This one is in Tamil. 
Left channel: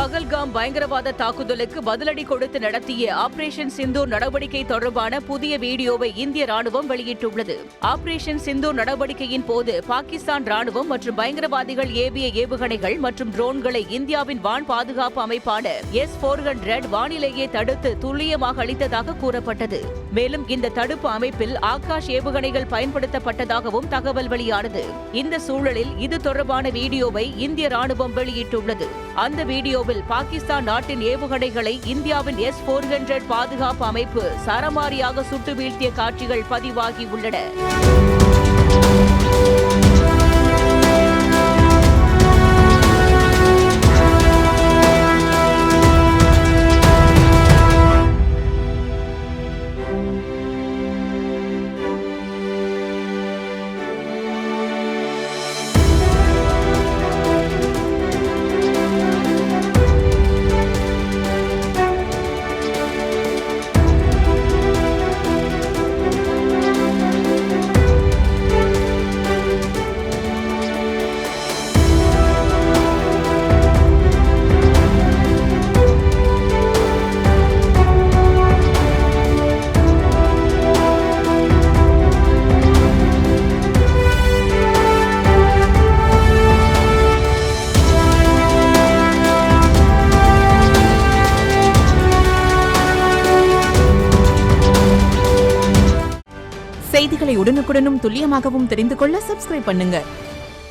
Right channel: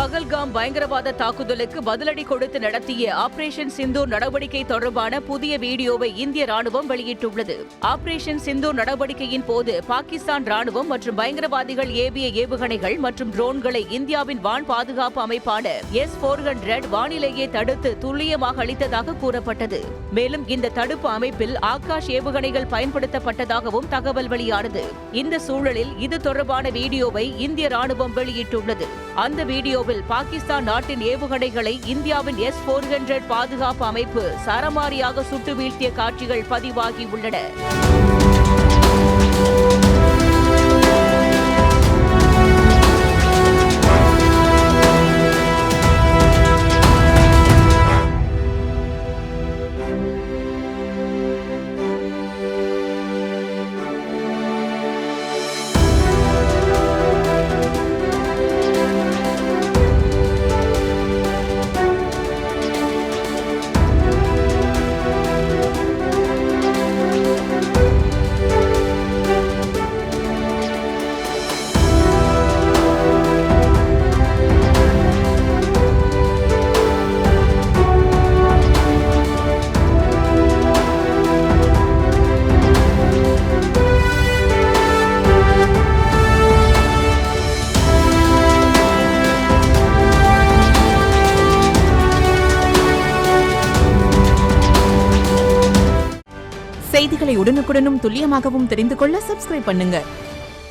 பகல்காம் பயங்கரவாத தாக்குதலுக்கு பதிலடி கொடுத்து நடத்திய ஆபரேஷன் சிந்தூர் நடவடிக்கை தொடர்பான புதிய வீடியோவை இந்திய ராணுவம் வெளியிட்டுள்ளது. ஆபரேஷன் சிந்தூர் நடவடிக்கையின் போது பாகிஸ்தான் ராணுவம் மற்றும் பயங்கரவாதிகள் ஏவிய ஏவுகணைகள் மற்றும் ட்ரோன்களை இந்தியாவின் வான் பாதுகாப்பு அமைப்பான S-400 வானிலேயே தடுத்து துல்லியமாக அளித்ததாக கூறப்பட்டது. மேலும் இந்த தடுப்பு அமைப்பில் ஆகாஷ் ஏவுகணைகள் பயன்படுத்தப்பட்டதாகவும் தகவல் வெளியானது. இந்த சூழலில் இது தொடர்பான வீடியோவை இந்திய ராணுவம் வெளியிட்டுள்ளது. அந்த வீடியோவில் பாகிஸ்தான் நாட்டின் ஏவுகணைகளை இந்தியாவின் S-400 பாதுகாப்பு அமைப்பு சரமாரியாக சுட்டு வீழ்த்திய காட்சிகள் பதிவாகியுள்ளன. செய்திகளை உடனுக்குடனும் துல்லியமாகவும் தெரிந்து கொள்ள சப்ஸ்கிரைப் பண்ணுங்க.